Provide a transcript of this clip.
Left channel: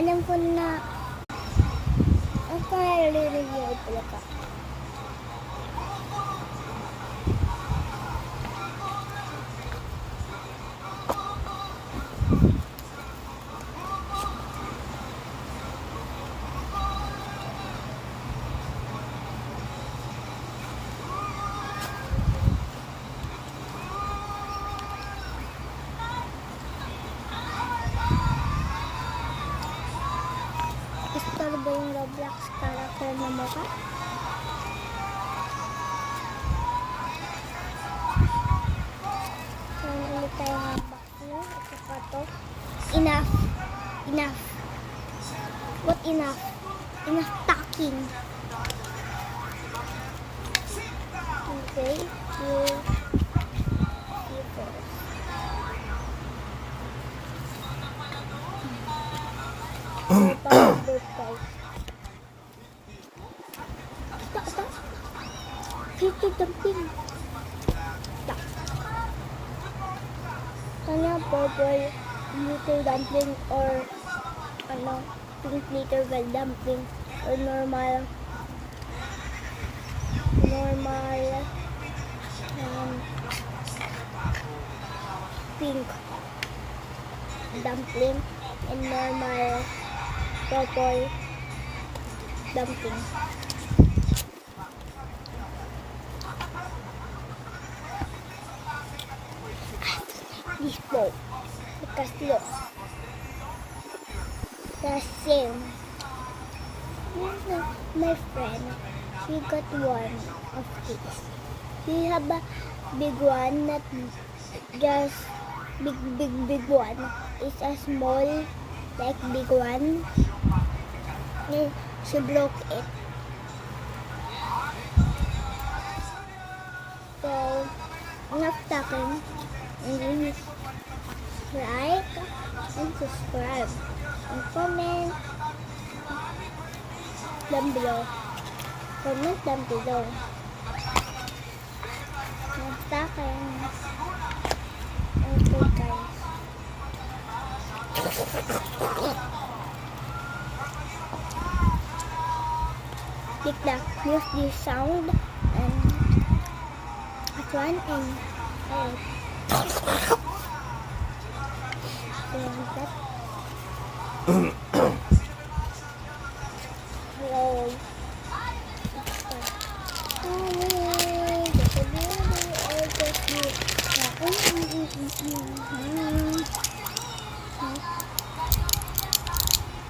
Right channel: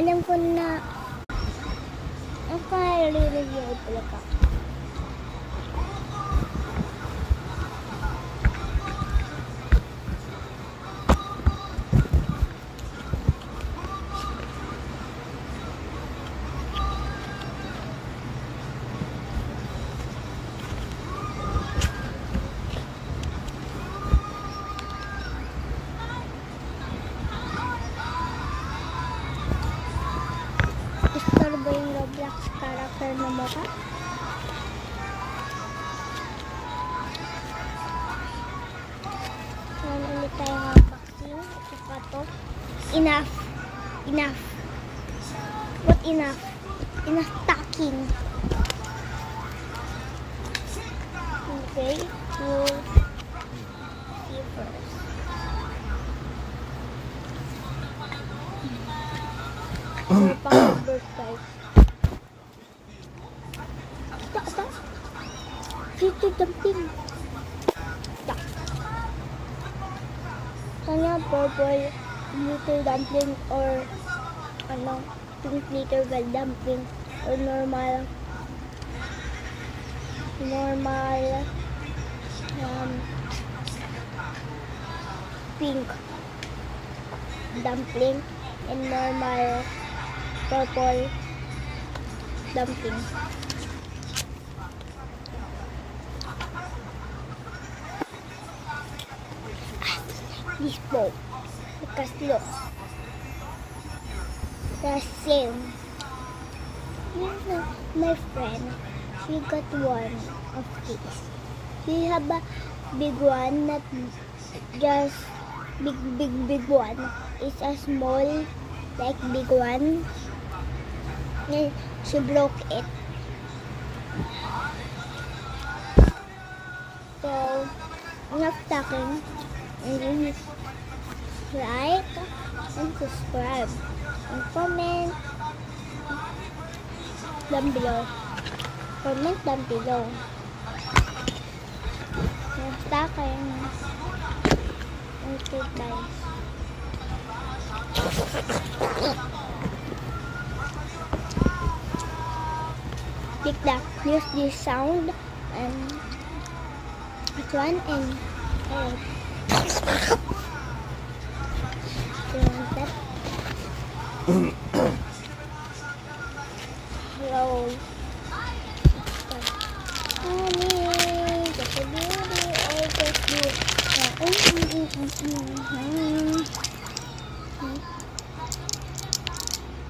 Alam ko na ang review ay pala ka. Star ba yung Roblox character na mukha? Yan ulit tayo ng vaccine at saka to. Enough. Enough. What enough? Enough talking. Okay. You see first. So, pang-number 5. Ata. Pretty dumpling. Ata. Kanya purple little dumpling or pink little dumpling or normal pink dumpling and normal purple dumpling. This bowl because look, the same. My friend, she got one of these. She have a big one, not just big one. It's a small, like big one. And she broke it. So, enough talking. And like and subscribe and comment down below. Comment down below. Enough talking. Okay guys. TikTok, use this sound and this one and do you want that? Hello. Mommy, just a beauty or just you.